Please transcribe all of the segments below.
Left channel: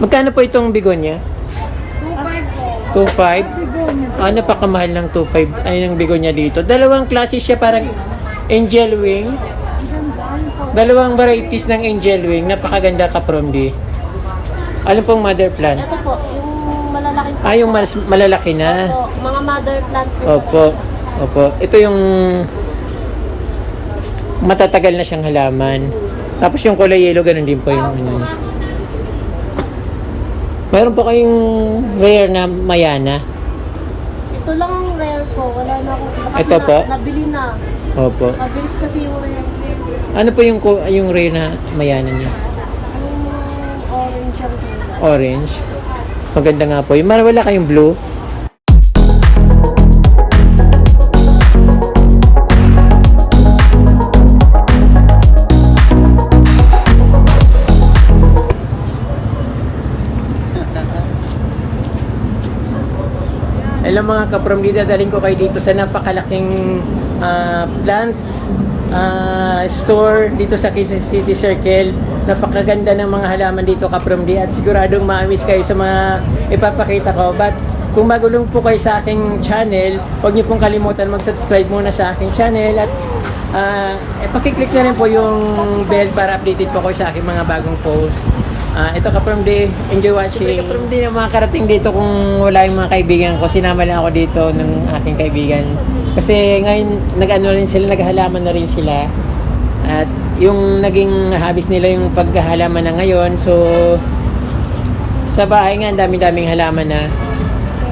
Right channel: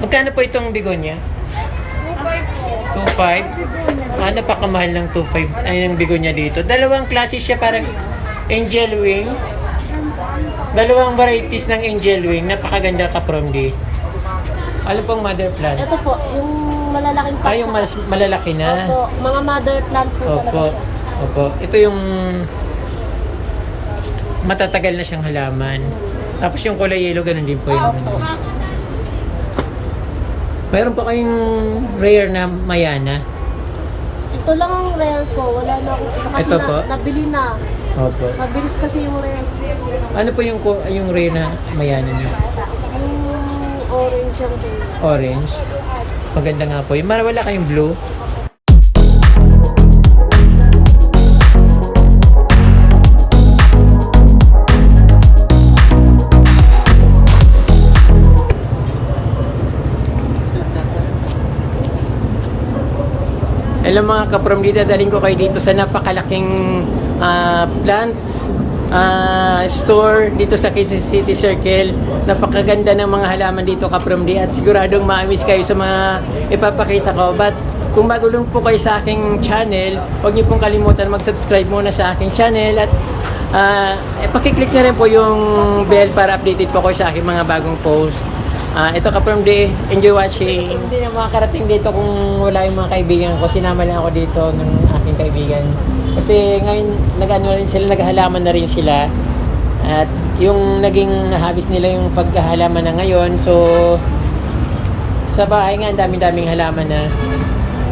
Magkano po itong bigonya? 2.5 po. 2.5? Napakamahal ng 2.5 ay ng bigonya dito. Dalawang klase siya, parang angel wing. Dalawang varieties ng angel wing. Napakaganda ka from di. Ano pong mother plant? Ito po, yung malalaking Yung malalaki na. po, mga mother plant po. Opo. Opo. Ito yung matatagal na siyang halaman. Tapos yung kulay yellow, ganun din po yung... Mayroon po kayong rare na mayana. Ito lang rare po, wala na ako. Kasi Ito po? Nabili na. Opo. Mabilis kasi yung rare. Ano po yung rare na mayana niya? Yung orange yung tingnan. Orange. Maganda nga po. Yung wala kayong blue. Hello mga kaprom, dadaling ko kayo dito sa napakalaking plant store dito sa Quezon City Circle. Napakaganda ng mga halaman dito kaprom di, at siguradong ma-miss kayo sa mga ipapakita ko. But kung bago lang po kayo sa aking channel, huwag niyo pong kalimutan mag-subscribe muna sa aking channel at pakiclick na rin po yung bell para updated po kayo sa aking mga bagong post. Ito kaprom di, enjoy watching. Kaprom di na mga karating dito, kung wala yung mga kaibigan ko, sinama lang ako dito ng aking kaibigan. Kasi ngayon nag-ano rin sila, naghahalaman na rin sila. At yung naging habis nila yung paghahalaman na ngayon. So sa bahay nga, ang dami-daming halaman na.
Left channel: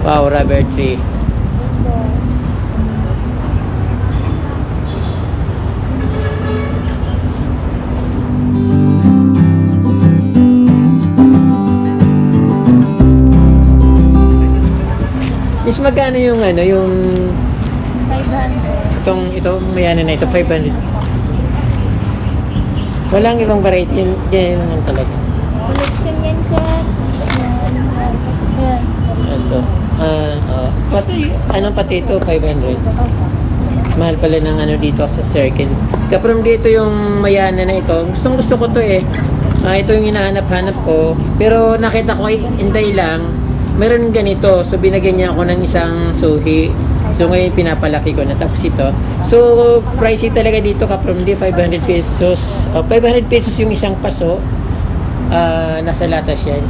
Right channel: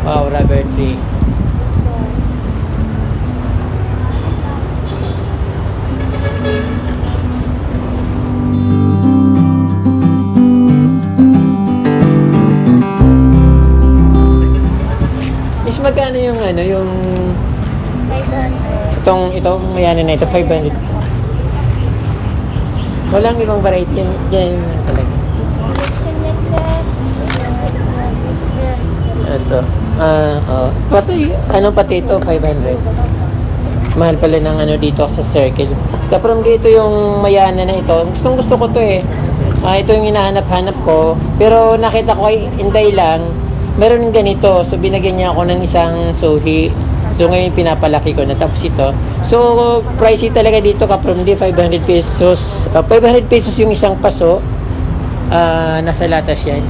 Wow, rubber tree. Is magkano yung yung 500. itong mayana na ito, 500. Walang ibang variety yan lang talaga. Collection yan, sir. Ayan. Ito. Pati ito, 500. Mahal pala ng dito sa Circle. Kaprom dito yung mayana na ito. Gustong gusto ko to eh. Ito yung hinahanap-hanap ko. Pero nakita ko kay Inday lang, meron ganito. So binigyan niya ako ng isang suhi. So ngayon pinapalaki ko na. Tapos ito. So pricey talaga dito kaprom di, 500 pesos. 500 pesos yung isang paso. Nasa latas yan.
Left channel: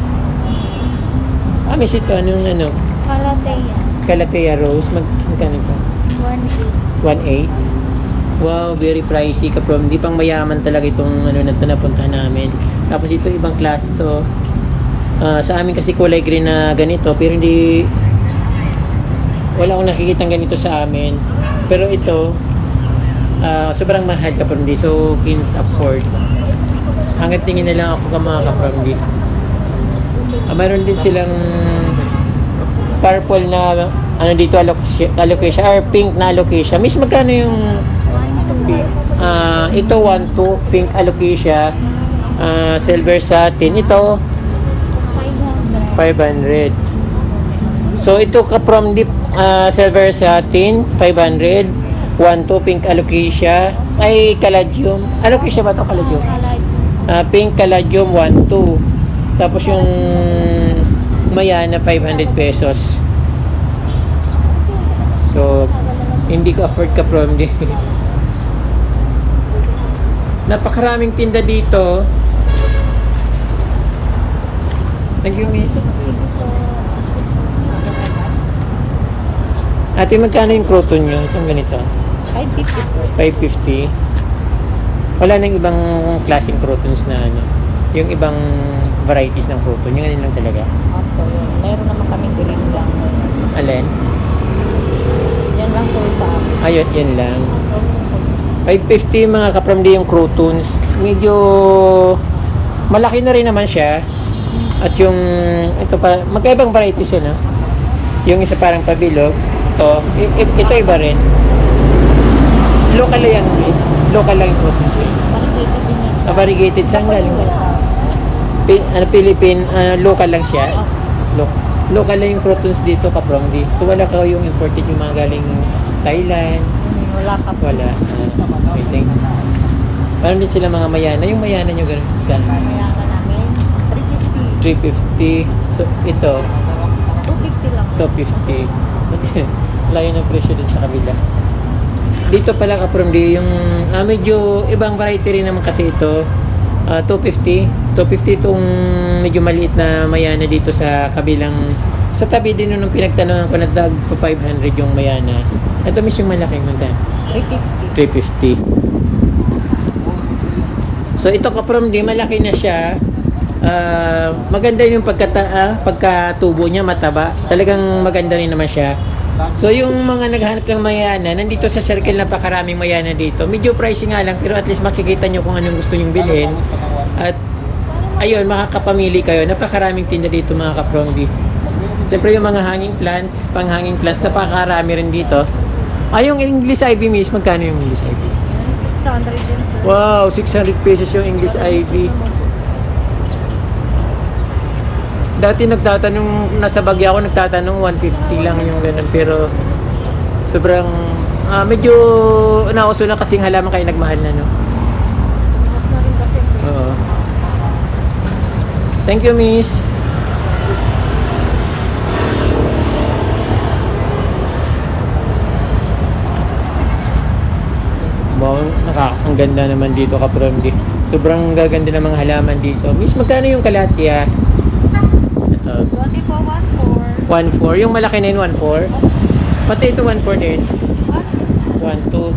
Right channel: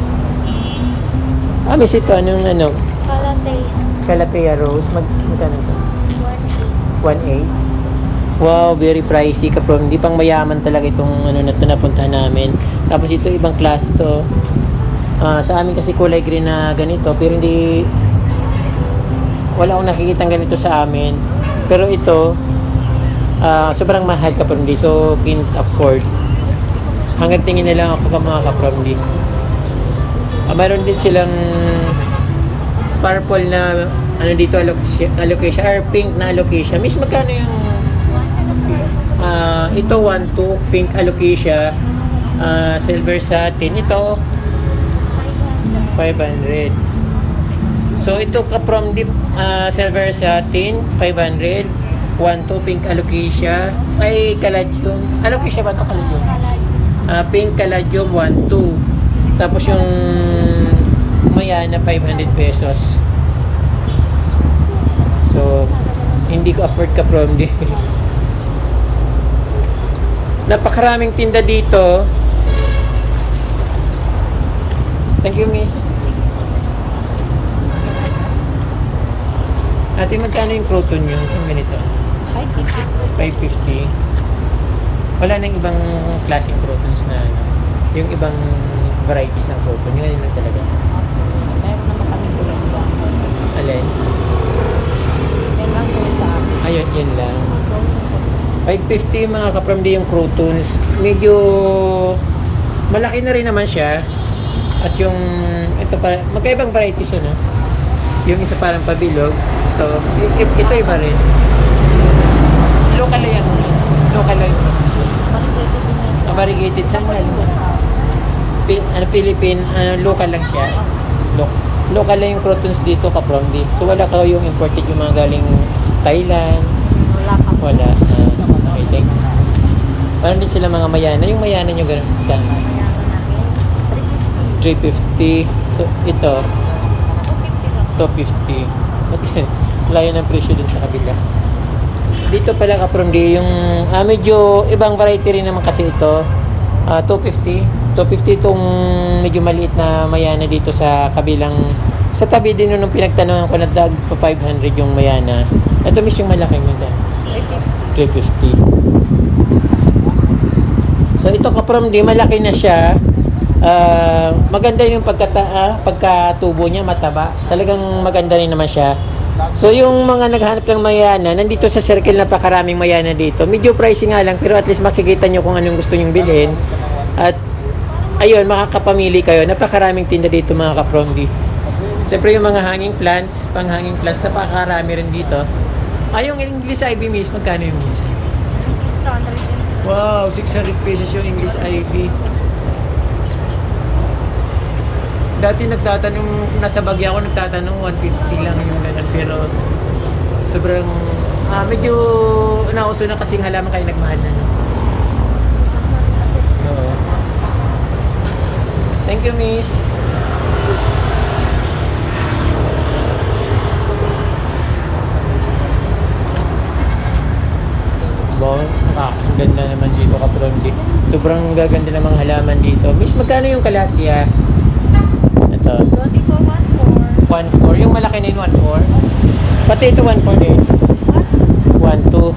Miss ito, anong Calathea. Calathea Rose, magkano ito? 1.8. 1.8. Wow, very pricey kaprom. Di pang mayaman talaga itong na ito napuntahan namin. Tapos ito ibang klase to. Sa amin kasi kulay green na ganito, pero hindi, wala akong nakikitang ganito sa amin. Pero ito sobrang mahal kaprom di, so can't afford. Hanggang tingin na lang ako ka mga kaprom di. Mayroon din silang purple na dito alocasia or pink na alocasia. Miss, magkano yung ito 1.2 pink alocasia, silver satin. Ito 500. So ito kaprom dip, silver satin 500, 1.2 pink alocasia, ay caladium. Alocasia ba to, caladium? Pink caladium 1.2. Tapos yung mayana 500 pesos. So hindi ko afford kaprom di. Napakaraming tinda dito. Thank you, miss. Ate, magkano yung croton nyo? Itong ganito? 550. Wala nang ibang klaseng crotons na yung ibang varieties ng croton. Yung ganun lang talaga. Meron naman kami kulit ba? Alin? Yan lang po ito. Ayun, yan lang. 550 mga kaprom di yung crotons. Medyo malaki na rin naman siya. At yung ito pa, magkaibang varieties yan, no? Yung isa parang pabilog. Ito iba rin. Local lang yan. Local lang yung crotons yan. Variegated sanggal. Philippine, local lang siya. Local lang yung crotons dito kaprom di. So wala ka yung imported yung mga galing Thailand. Wala. Okay, thank you. Paano din sila mga mayana? Yung mayana nyo gano'n? Mayaka namin. 350. 350. So, ito, 250 lang. 250. Ba't yan? Layo ng presyo dun sa kabila. Dito pala ka from di yung medyo ibang variety rin naman kasi ito. 250. 250 itong medyo maliit na mayana dito sa kabilang sa tabi din nung pinagtanungan ko na dag pa 500 yung mayana. Ito miss yung malaki magkano? 350. 350. So ito ka from di malaki na siya. Maganda yung pagkatubo niya, mataba. Talagang maganda rin naman siya. So yung mga naghanap ng mayana, nandito sa circle napakaraming mayana dito. Medyo pricey nga lang pero at least makikita nyo kung anong gusto nyong bilhin. At ayun, makakapamili kayo. Napakaraming tinda dito mga kapromdi. Siyempre yung mga hanging plants, pang hanging plants, napakarami rin dito. Yung English ivy miss, magkano yung English ivy? 600 din. Wow, 600 pesos yung English ivy. Dati nagtatanong, nasa Baguio ako nagtatanong 150 lang yung ganun pero sobrang medyo nauso na kasing halaman kayo nagmahal na no. Oo. Thank you miss. Wow, ang ganda naman dito Kapromdi. Sobrang gaganda ng mga halaman dito. Miss, magkano yung kalatia? Ito. 1.4. Yung malaki na yun, 1.4. Pati ito, 1.4 din. 1.2.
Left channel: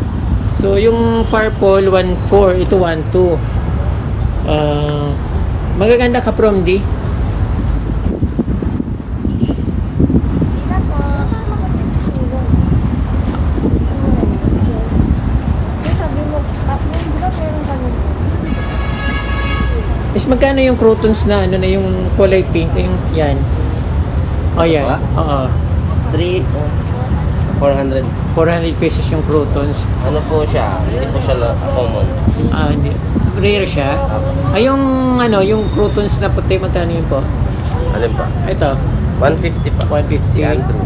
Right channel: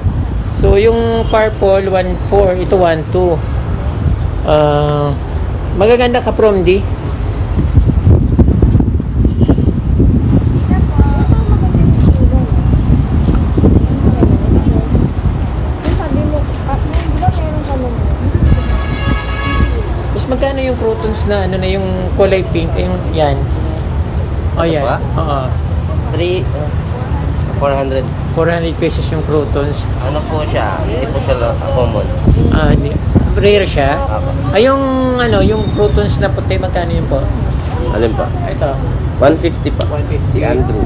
So, yung purple, 1.4. Ito, 1.2. Magaganda ka, Promdi. Is magkano yung croutons na ano na yung kulay pink yung yan. Oh yan. Ba? Oo. 400. 400 pesos yung croutons. Ano po siya? Hindi po sa common. Rare siya. Apa. Yung ano, yung croutons na puti magkano yun po? Alin ba? Ito, 150 pa. 150. Andrew.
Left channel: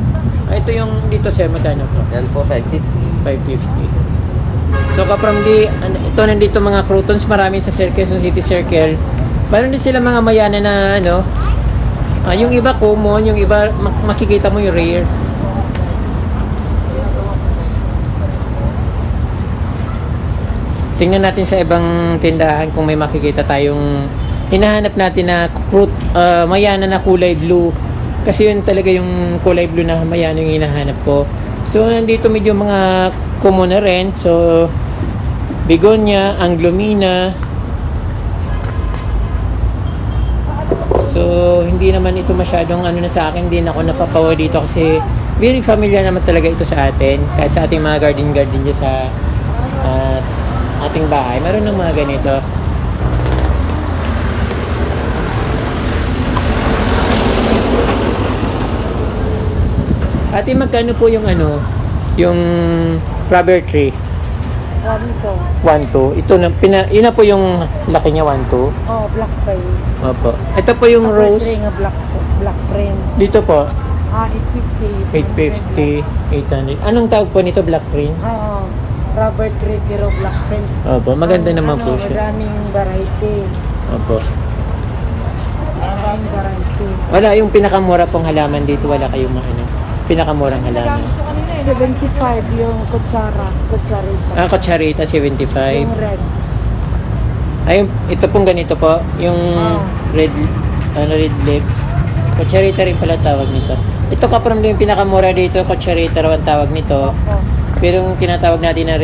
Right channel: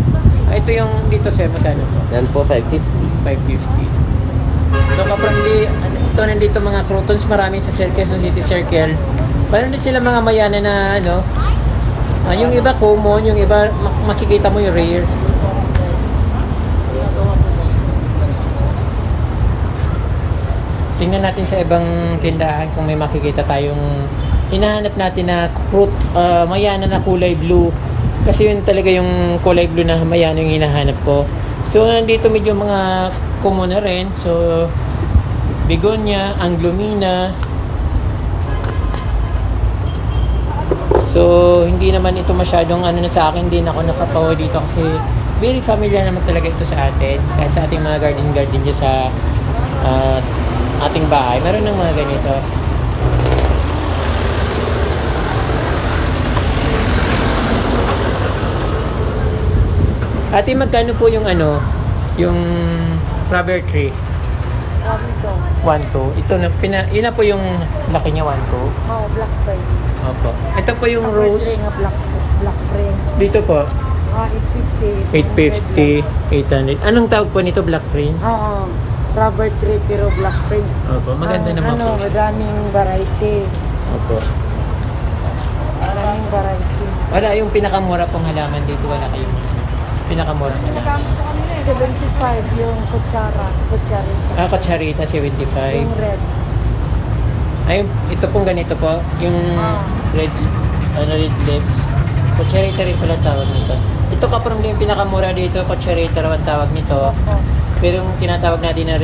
Ito yung dito sir magkano to? Yan po 550. 550. So from ito nandito mga croutons marami sa Quezon City Circle. Meron din sila mga mayana na ano, yung iba common, yung iba makikita mo yung rare. Tingnan natin sa ibang tindahan kung may makikita tayong hinahanap natin na fruit, mayana na kulay blue. Kasi yun talaga yung kulay blue na mayana yung hinahanap ko. So nandito medyo mga common na rin. So begonia, anglomina. So hindi naman ito masyadong ano na sa akin, hindi na ako napapawa dito kasi very familiar naman talaga ito sa atin. Kahit sa ating mga garden dyan sa ating bahay, meron ng mga ganito. Ate, magkano po yung ano, yung rubber tree? 1.2. Ito na, yun na po yung laki niya, 1.2. Oh, black crane. Opo. Ito po yung rose. Black crane. Dito po, 850. 850, 800. Anong tawag po nito, black prince? Oo. Rubber tree pero black crane. Opo, maganda naman po siya. Maraming variety. Opo. Maraming variety. Wala yung pinakamura pong halaman dito, wala kayong ano, pinakamurang halaman. 75 yung kutsarita. Kutsarita, 75. Red. Ayun, ito pong ganito po, yung red leaves. Kutsarita rin pala tawag nito. Ito kapram din yung pinakamura dito, kutsarita raw ang tawag nito. Pero yung tinatawag natin na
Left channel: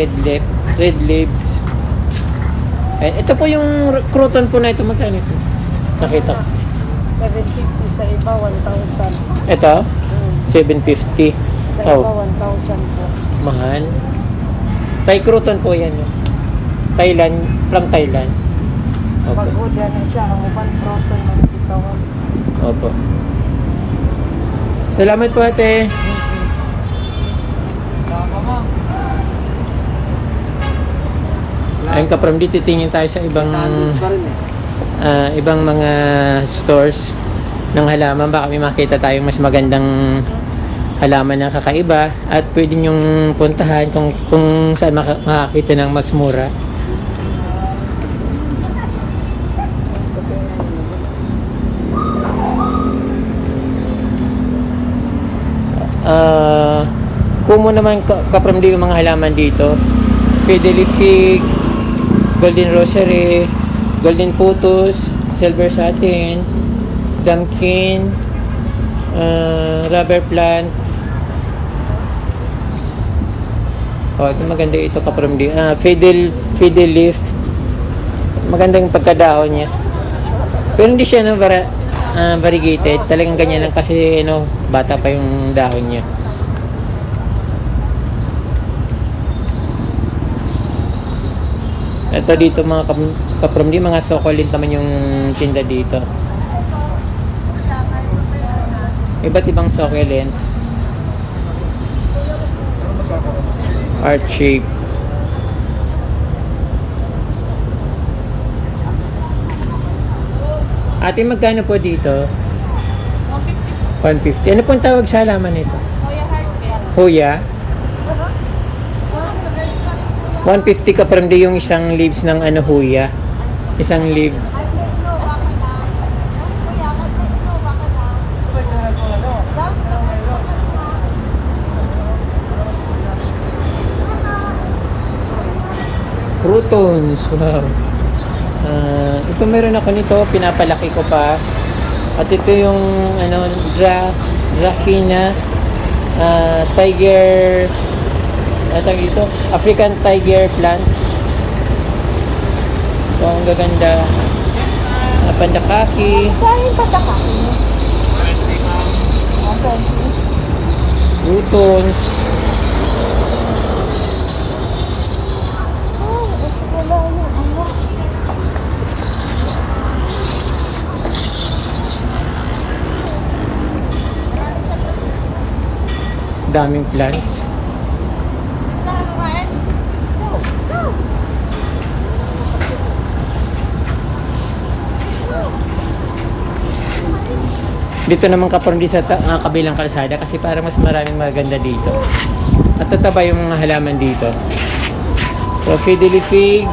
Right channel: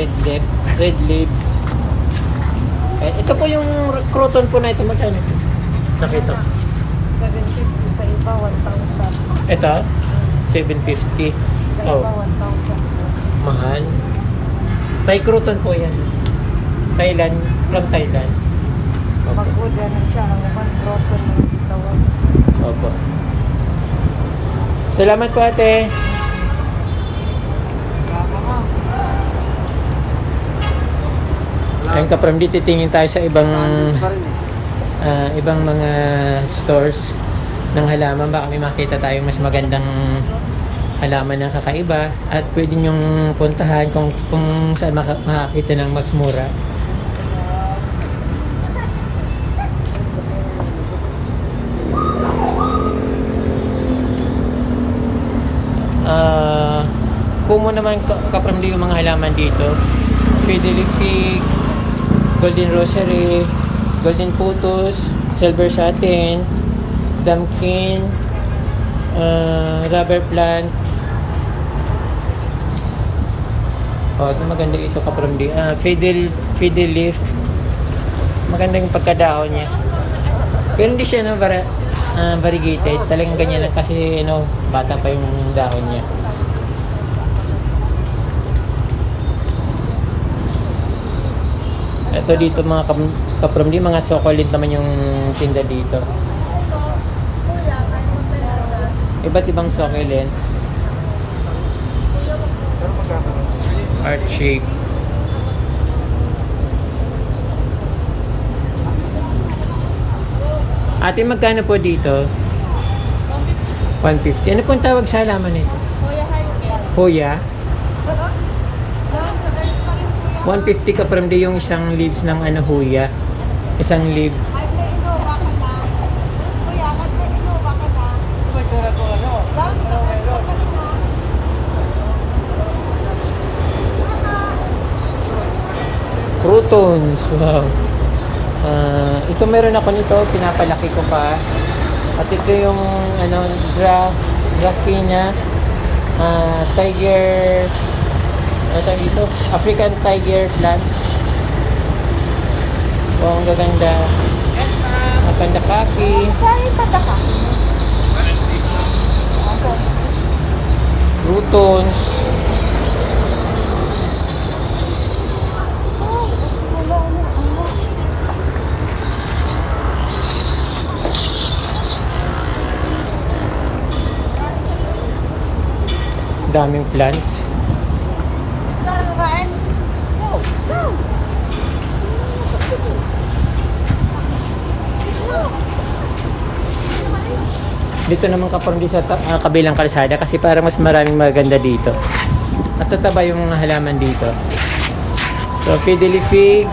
red leaves. Ito po yung crouton po na ito, magkano ito? Nakita ko. 750 sa iba, 1,000. Ito, 750. Sa Oh, iba, 1,000. mahal. Thai crouton po yan. Thailand, from Thailand. Opo. Pag-order na siya, ang ubang protein. Opo. Salamat po ate. Ayun ka from dito, titingin tayo sa ibang mga stores ng halaman. Baka may makita tayong mas magandang halaman na kakaiba at pwede nyong puntahan kung saan makakita ng mas mura. mo naman kaprom din yung mga halaman dito. Fiddly fig, golden rosary, golden putus, silver satin, damkin, rubber plant. Oh, ito maganda ito kaprom din. Fiddle leaf. Maganda yung pagkadahon niya. Pero hindi siya no, variegated. Talagang ganyan lang kasi no, bata pa yung dahon niya. Ito dito mga kaprom din, mga succulent naman yung tinda dito. Iba't ibang succulent. Heart shape. Ate, magkano po dito? 150. 150. Ano pong tawag sa halaman nito? Hoya Heartcare. Hoya? 150 ka from yung isang leaves ng ano huya. Isang leaf. Croutons. Wow. Ito meron ako nito, pinapalaki ko pa. At ito yung ano Dracena tiger, ano tawag dito? African tiger plant. Wow, ang gaganda. Pandakaki. Croutons. Daming plants. Dito naman kapag di sa kabilang kalsada kasi parang mas maraming maganda dito. At tataba yung mga halaman dito. So, fiddly fig.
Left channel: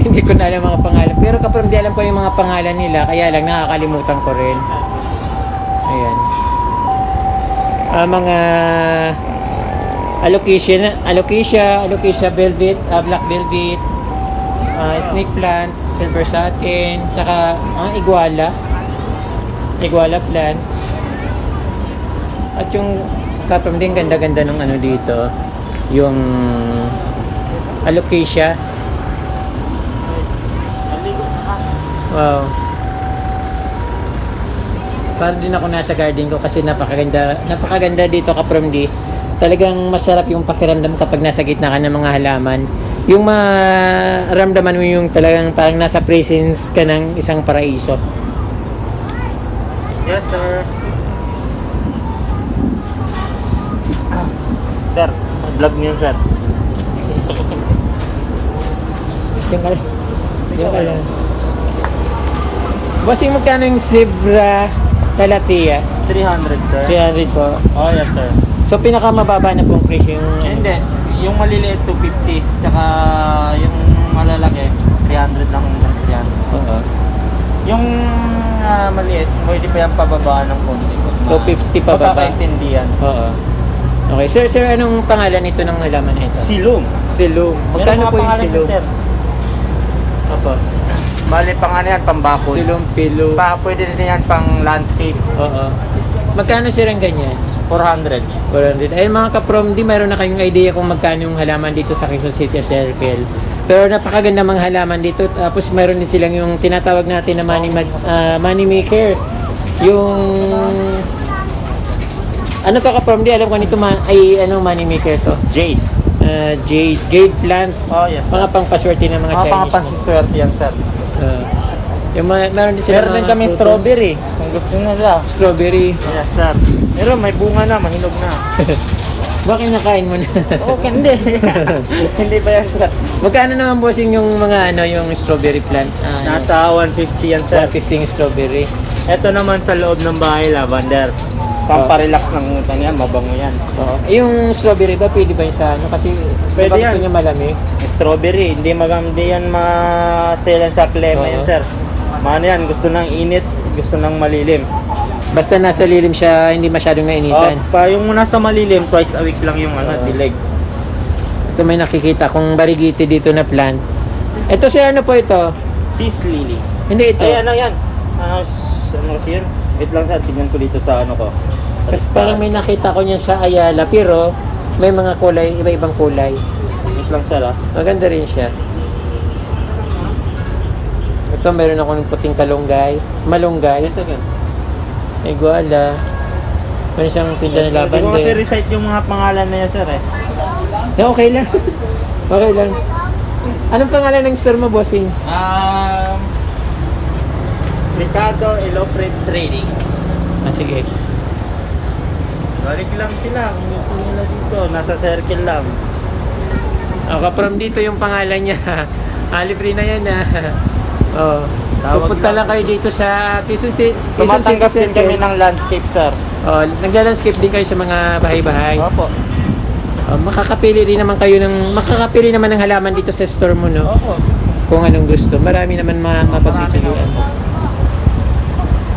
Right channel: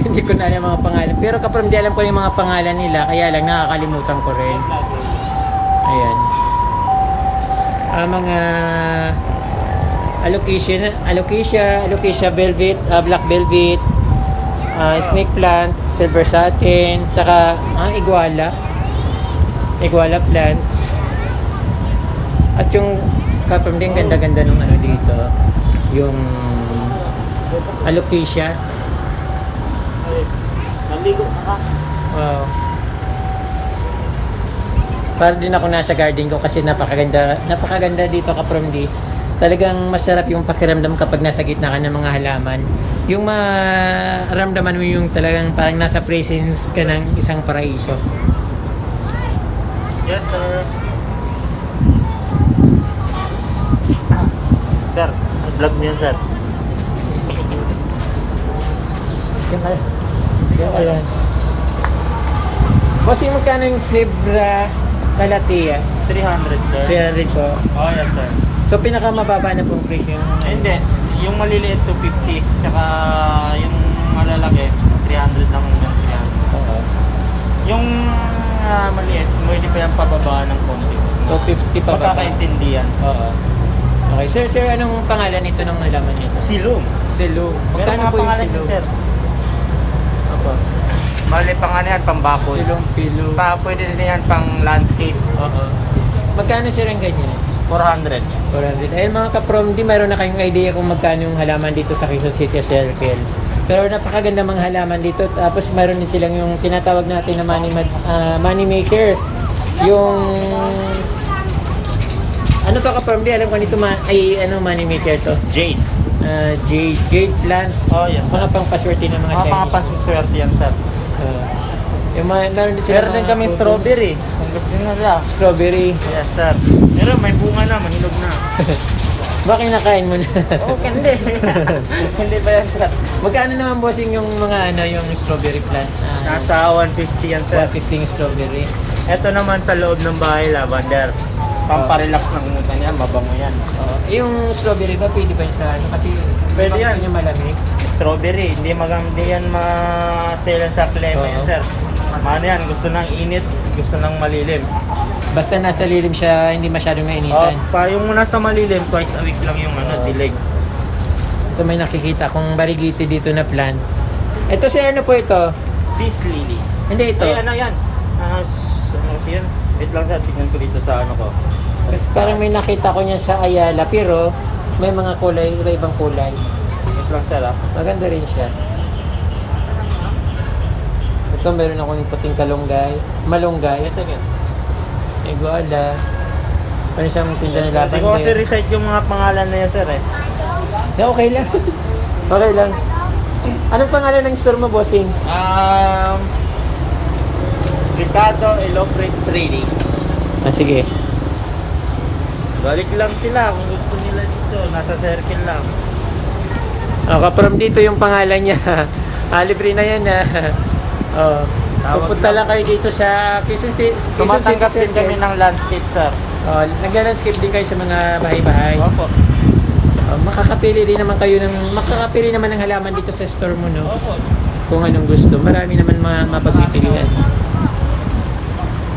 Hindi ko na alam mga pangalan. Pero kapag di alam ko yung mga pangalan nila, kaya lang nakakalimutan ko rin. Ayan. Mga alocasia velvet, black velvet, snake plant, silver satin, tsaka iguala plants. At yung kapam din ganda-ganda nung ano dito, yung alocasia. Wow. Para din ako nasa garden ko kasi napakaganda dito kaprom di. Talagang masarap yung pakiramdam kapag nasa gitna ka ng mga halaman. Yung maramdaman mo yung talagang parang nasa presence ka ng isang paraiso. Yes, sir. Sir, vlog niyo, sir. Diyan ka lang. Bossing, magkano yung zebra Calathea? 300, sir. 300 po. Oh, yes, sir. So pinakamababa na pong presyo yung Hindi. Yung maliliit 250, tsaka yung malalaki 300 lang yung 300. Oo. Yung maliit, pwede pa yung pababa ng konti. 250 pa baba. Pagkaintindihan. Oo. Okay. Sir, anong pangalan nito ng halaman nito? Silum. Silum. Magkano po yung silum? Opo. Bale, pang ano yan, pambako. Silum, pilo. Pwede din yan pang landscape. Oo. Magkano silang ganyan? 400. 400. Ayun mga kaprom, di mayroon na kayong idea kung magkano yung halaman dito sa Quezon City Circle. Pero napakaganda mga halaman dito. Tapos mayroon din silang yung tinatawag natin na money maker. Yung ano pa kaprom, di alam ko nito money maker to. Jade. Jade plant. Oh, yes. Mga pangpaswerte ng mga Mga Chinese. pang-pansiswerte yan, sir. Yung meron din sila Meron din mga kami croutons. strawberry. Kung gusto nyo siya. Strawberry. Yes, sir. Meron, may bunga na, mahinog na. Bakit nakain mo na? Okay, hindi. Hindi ba yan, sir? Magkano naman bossing yung mga yung strawberry plant? Nasa 150 yan, sir. 150 yung strawberry. Ito naman sa loob ng bahay, lavender. Pamparelax ng kanyan, mabango yan. Oo. Yung strawberry ba pwede ba yung sa ano? Kasi Pwede diba gusto yan. niya malamig? Strawberry, hindi yan ma-sell sa Clement, Oo. sir. Mano yan, gusto ng init, gusto ng malilim. Basta nasa lilim siya, hindi masyadong nainitan. Yung nasa malilim, twice a week lang yung dilig. Ito may nakikita kong variegated dito na plant. Ito si ano po ito? Cheese lily. Hindi ito. Ay, ano yan? Ano kasi yan? Wait lang sir, tignan ko dito sa ano ko. Kasi parang may nakita ko niya sa Ayala, pero may mga kulay, iba-ibang kulay. Wait lang sir Maganda rin siya. Ito meron ako ng puting malunggay. Yes again. Ay guala. Meron siyang tinda ng Hindi ko kasi lavender. recite yung mga pangalan na yan sir Okay lang. Okay lang. Anong pangalan ng store mo, bossing? Ricardo Ilopred Trading. Sige. Balik lang sila kung gusto nila dito. Nasa circle lang. From dito yung pangalan niya. Libre na yan Oh. Pupunta lang kayo dito sa Quezon City Tumatanggap din kami Circle. ng landscape sir. Nagla-landscape din kayo sa mga bahay-bahay. Opo. Makakapili naman ng halaman dito sa store mo, no? Opo. Kung anong gusto. Marami naman mapagpipilian.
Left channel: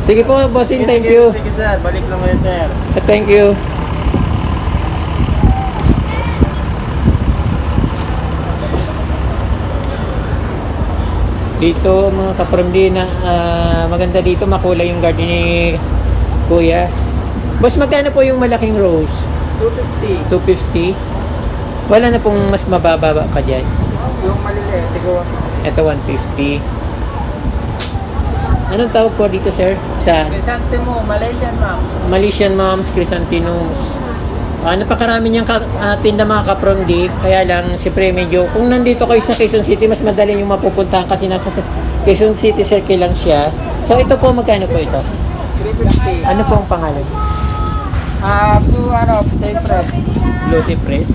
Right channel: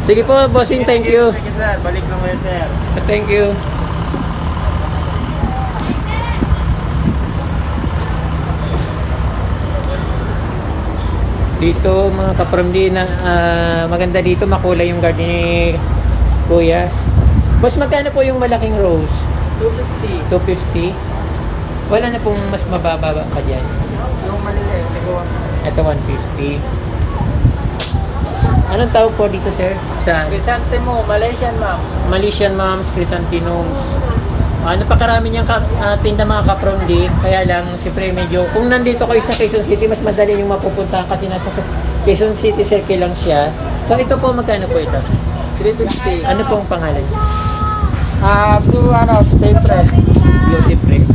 Sige po, bossing, thank you. Sige sir, balik naman sir. Thank you. Dito mga kaparmdi na maganda dito, makulay yung garden ni Kuya. Boss, magkano po yung malaking rose? 250. 250. Wala na pong mas mababa pa dyan. Yung maliliit, siguro. Ito 150. Anong tawag po dito, sir? Sa Chrysanthemum, Malaysian ma'am. Malaysian Moms Chrysanthemums. Napakarami niyang tinda mga kapromdi. Kaya lang, siyempre medyo, kung nandito kayo sa Quezon City, mas madali yung mapupuntahan kasi nasa Quezon City Circle lang siya. So ito po, magkano po ito? 350. Ano pong pangalan? Blue Cypress. Blue Cypress.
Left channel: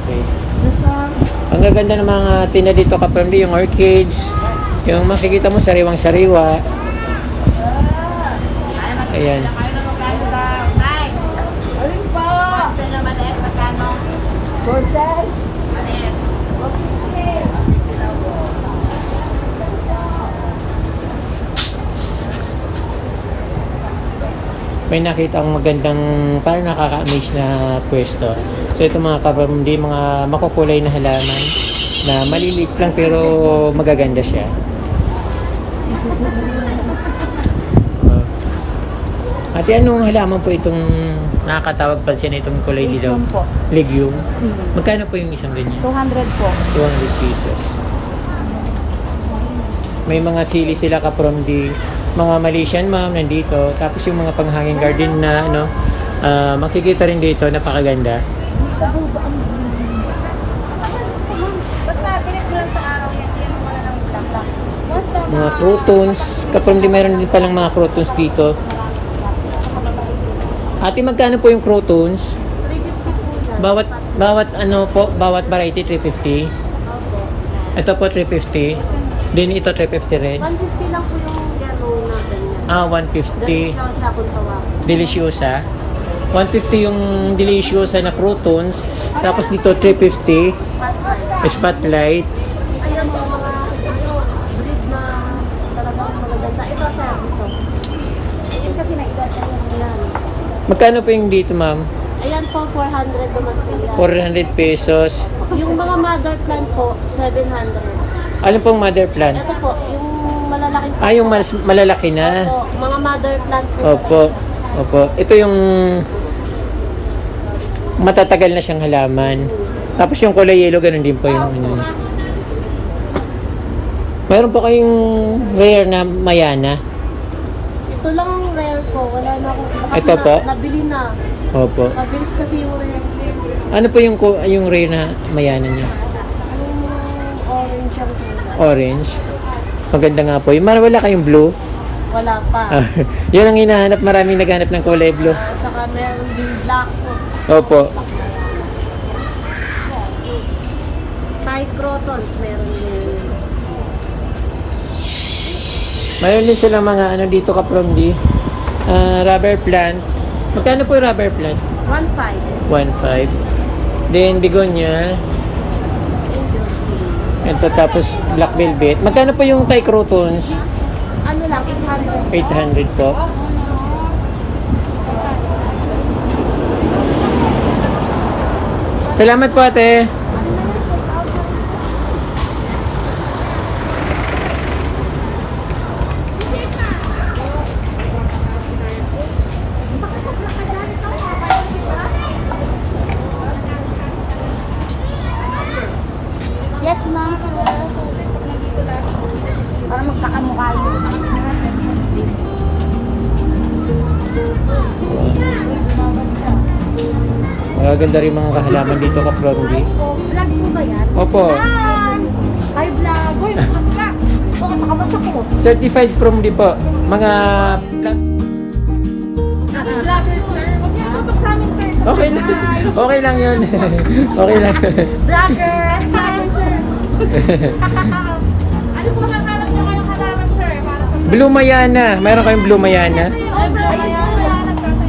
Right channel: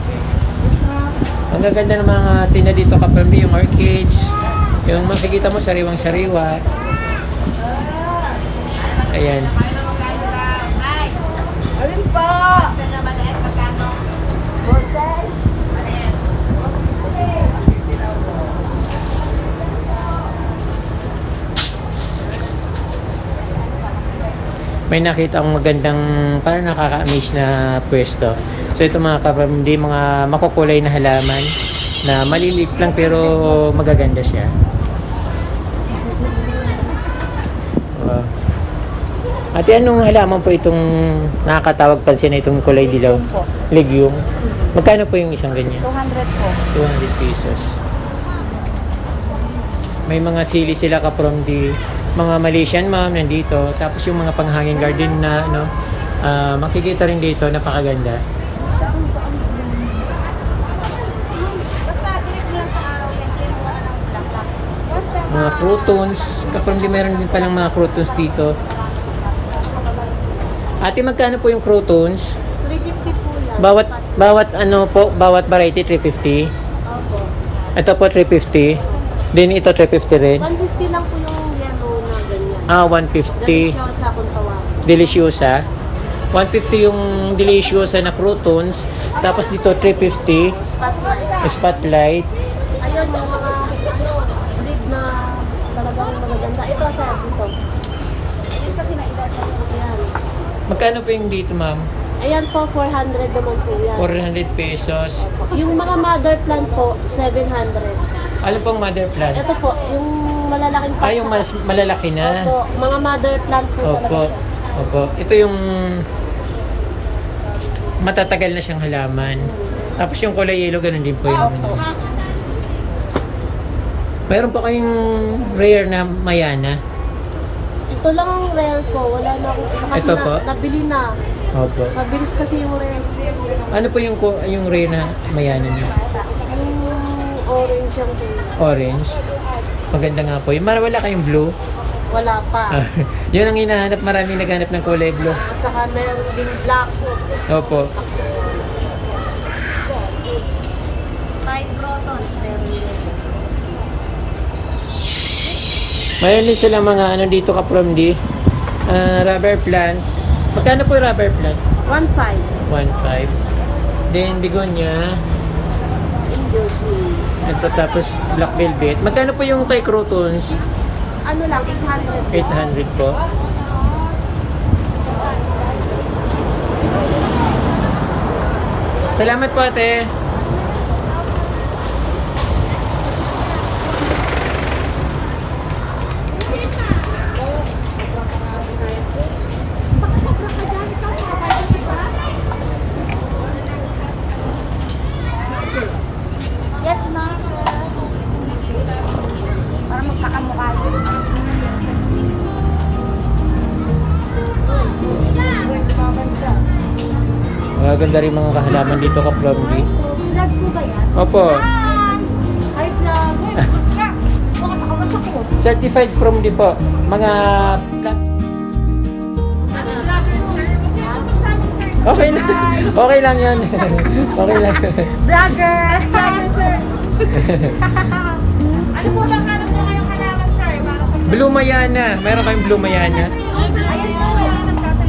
Okay. Yes, ma'am. Ang gaganda ng mga tinda dito kapromdi, yung orchids. Yung makikita mo, sariwang-sariwa. Ayan. Alin pa? May nakita akong magandang, parang nakaka-amaze na pwesto. So ito mga kapamdi, mga makukulay na halaman na maliliit lang pero magaganda siya. Wow. Ate, anong halaman po itong nakakatawag pansin na itong kulay dilaw? Legume. Magkano po yung isang ganyan? 200 po. 200 pesos. May mga sili sila ka-from mga Malaysian ma'am nandito. Tapos yung mga panghanging garden na makikita rin dito, napakaganda. Basta bilis mo lang sa araw yan. Yan ang wala ng bulaklak. Mga croutons, ka-from meron din palang mga croutons dito. Ate, magkano po yung croutons? 350 po yan. Bawat variety 350. Ito po 350. Then ito 350 rin. 150 lang po yung yellow na ganyan. 150. Deliciosa kung tawagin. Deliciosa. 150 yung deliciosa na croutons. Tapos dito 350. Spotlight. Ayun yung mga breed na talagang magaganda. Ito sir, ito. Ito kasi naidad yan. Magkano po yung dito, ma'am? Ayan po, 400 naman po yan. 400 pesos. Yung mga mother plant po, 700. Ano pong mother plant? Ito po, yung malalaking Yung malalaki na. po, mga mother plant po. Opo. talaga siya. Opo. Ito yung matatagal na siyang halaman. Tapos yung kulay yellow, ganun din po yung Mayroon po kayong rare na mayana. Ito lang rare po, wala na akong kasi Ito po? nabili na. Opo. Mabilis kasi yung rare. Ano po yung rare na mayana niya? Yung orange yung tingnan. Orange. Maganda nga po. Wala kayong blue. Wala pa. Yun ang hinahanap. Maraming naghanap ng kulay blue. At saka meron din black. Opo. Black na yan. Kahit crotons, meron din. Mayroon din silang mga dito ka-from rubber plant. Magkano po yung rubber plant? 1.5. 1.5. Then begonia. English. Ito tapos black velvet. Magkano po yung Thai croutons? Ano lang, 800. 800 po. Salamat po ate. Yes, ma'am. Magaganda rin mga kahalaman dito ka from D. Vlog po ba yan? Opo. Ay, vlog. Uy, mas ka. Bakit nakabasa ko? Certified from D po. Mga plat. Vlogger, sir. Huwag niyo tutok sa amin, sir. Okay lang. Okay lang yun. Okay lang. Vlogger. Vlogger, sir. Ano po bang hanap nyo ngayong halaman, sir? Para sa Blue Mayana. Mayroon kayong Blue Mayana? Ayan po.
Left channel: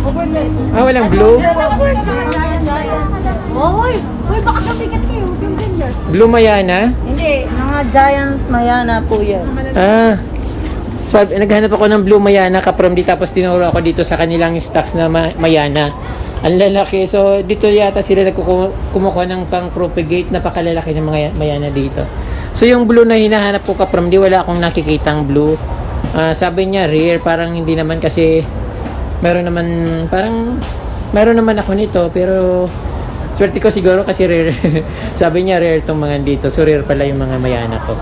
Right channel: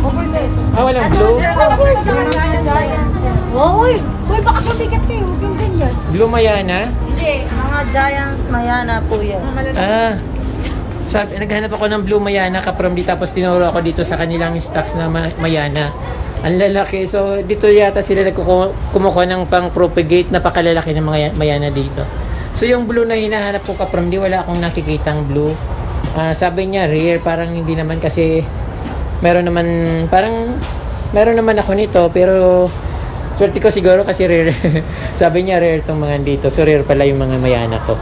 Overlay. Ah, walang blue? Uy, baka kasikat kayo. Blue Mayana? Hindi, mga giant mayana po yan. Ah. Sabi, naghanap ako ng Blue Mayana ka from D, tapos tinuro ako dito sa kanilang stocks na Mayana. Ang lalaki. So, dito yata sila kumukuha ng pang-propagate. Napakalalaki ng mga Mayana dito. So, yung blue na hinahanap ko ka from D, wala akong nakikitang blue. Sabi niya rare, parang hindi naman kasi meron naman ako nito, pero swerte ko siguro kasi rare. Sabi niya rare tong mga dito. So, rare pala yung mga Mayana ko.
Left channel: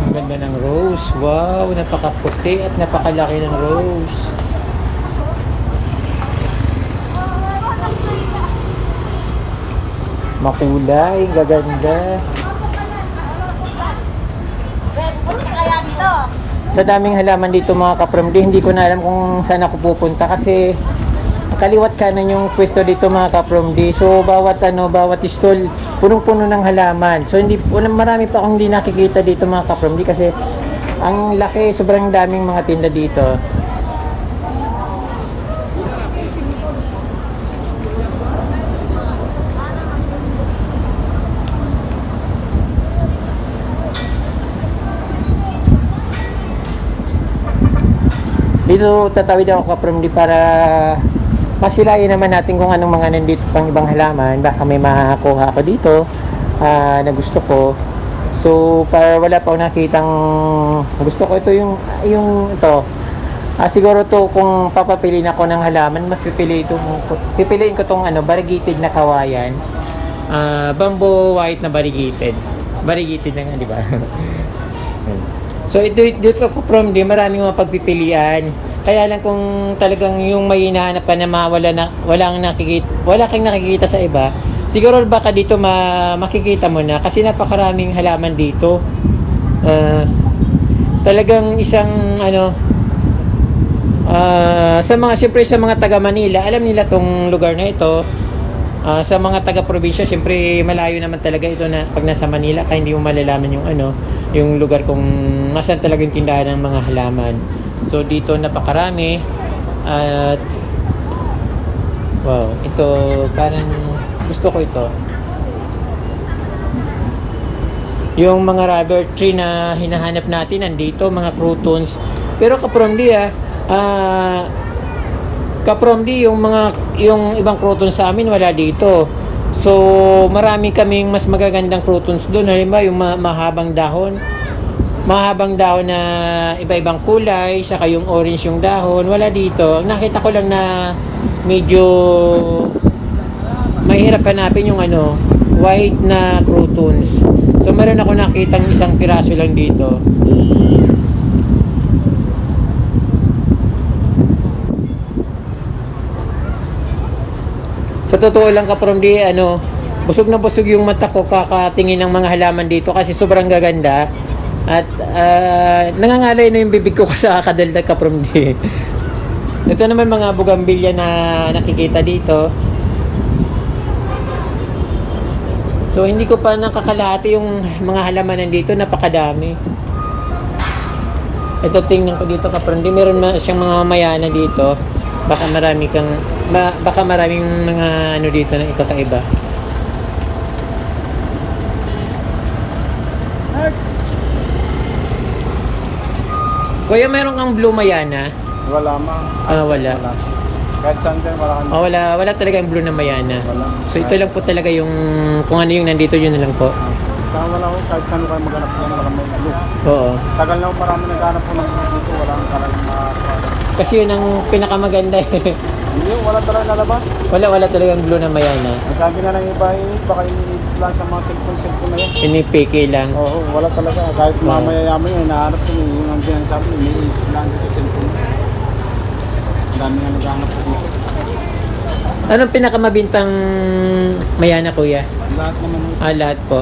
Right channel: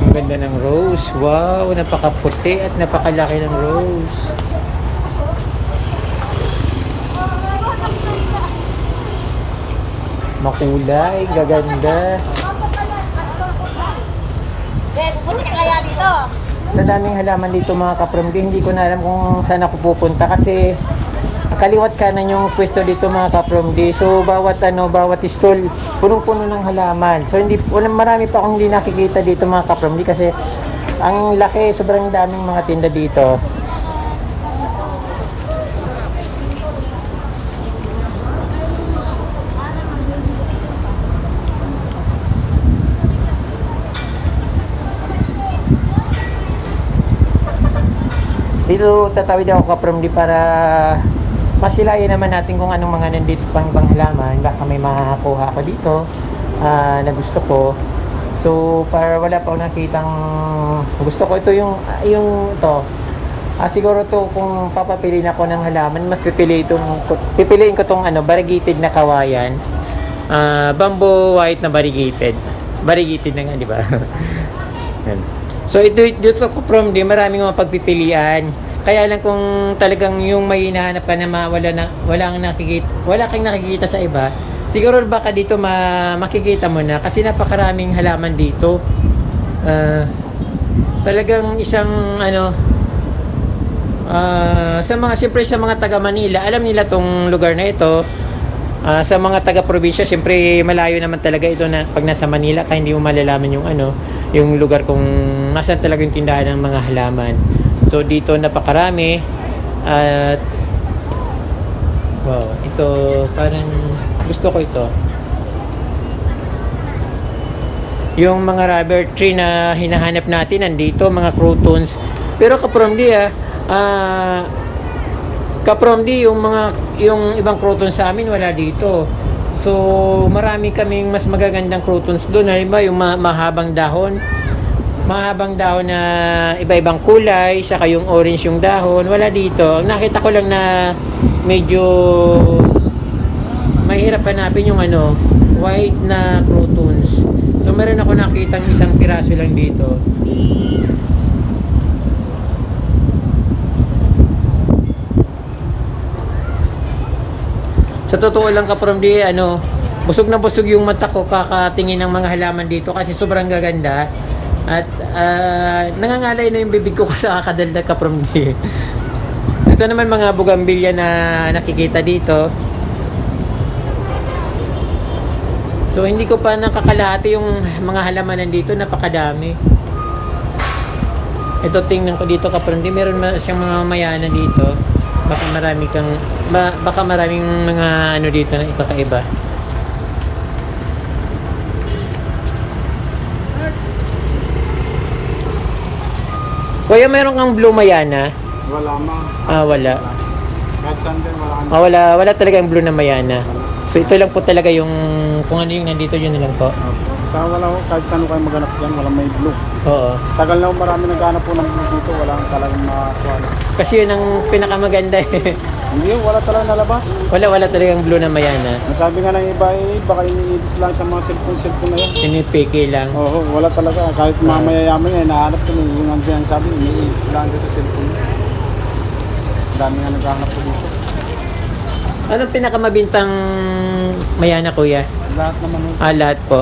Ang ganda ng rose. Wow, napakaputi at napakalaki ng rose. Makulay, gaganda. Sa daming halaman dito mga ka-from D, hindi ko na alam kung saan ako pupunta kasi kaliwat kanan yung pwesto dito mga ka-from D. So bawat stall punong-puno ng halaman. So marami pa akong hindi nakikita dito mga ka-from D kasi ang laki, sobrang daming mga tinda dito. Dito tatawid ako ka from D para masilayan naman natin kung anong mga nandito pang ibang halaman. Baka may makakuha ako dito na gusto ko. So para wala pa ako nakitang gusto ko, ito yung ito. Siguro to kung papapiliin ako ng halaman, mas pipiliin ko tong variegated na kawayan. Bamboo white na variegated. Variegated na nga, di ba? Yan. So dito ko from D, maraming mga pagpipilian. Kaya lang kung talagang yung may hinahanap ka na wala kang nakikita sa iba, siguro baka dito makikita mo na kasi napakaraming halaman dito. Talagang isang siyempre sa mga taga Manila, alam nila tong lugar na ito. Sa mga taga probinsya, siyempre malayo naman talaga ito na pag nasa Manila, kaya hindi mo malalaman yung lugar kung nasaan talaga yung tindahan ng mga halaman. So dito napakarami at wow, ito parang gusto ko ito. Yung mga rubber tree na hinahanap natin nandito, mga crotons. Pero ka-from D ka-from D yung ibang crotons sa amin wala dito. So, marami kaming mas magagandang crotons doon. Halimbawa, yung mahabang dahon. Mahabang dahon na iba-ibang kulay, saka yung orange yung dahon. Wala dito. Ang nakita ko lang na medyo mahirap hanapin yung white na crotons. So, meron ako nakitang isang piraso lang dito. Sa totoo lang ka-from D, busog na busog yung mata ko kakatingin ng mga halaman dito kasi sobrang gaganda. At nangangalay na yung bibig ko sa kakadaldal ka-from D. Ito naman mga bugambilya na nakikita dito. So hindi ko pa nakakalahati yung mga halaman nandito, napakadami. Ito tingnan ko dito ka-from D, meron siyang mga mayana dito. Baka maraming mga dito na ikakaiba. Kuya, meron kang blue mayana? Wala ma. Wala. Kahit saan din, wala kang Wala talaga yung blue na mayana. wala. So ito lang po talaga yung kung ano yung nandito, yun na lang po. Kaya wala ko, kahit saan ka maghanap po na may blue. Oo. Tagal na marami naghanap po ng blue dito, wala kang talagang makakuha. Kasi yun ang pinakamaganda eh. Hindi, wala talagang nalabas. Wala talagang blue na mayana. Ang sabi nga ng iba eh, baka iniidit lang sa mga cellphone na yun. Pinipiki lang. Oo, wala talaga. Kahit mga mayayaman yan, nahanap ko yung nandiyan sa akin, iniidit lang doon sa cellphone. Ang dami nga naghahanap ko dito. Anong pinakamabintang mayana, kuya? Lahat naman nung Lahat po.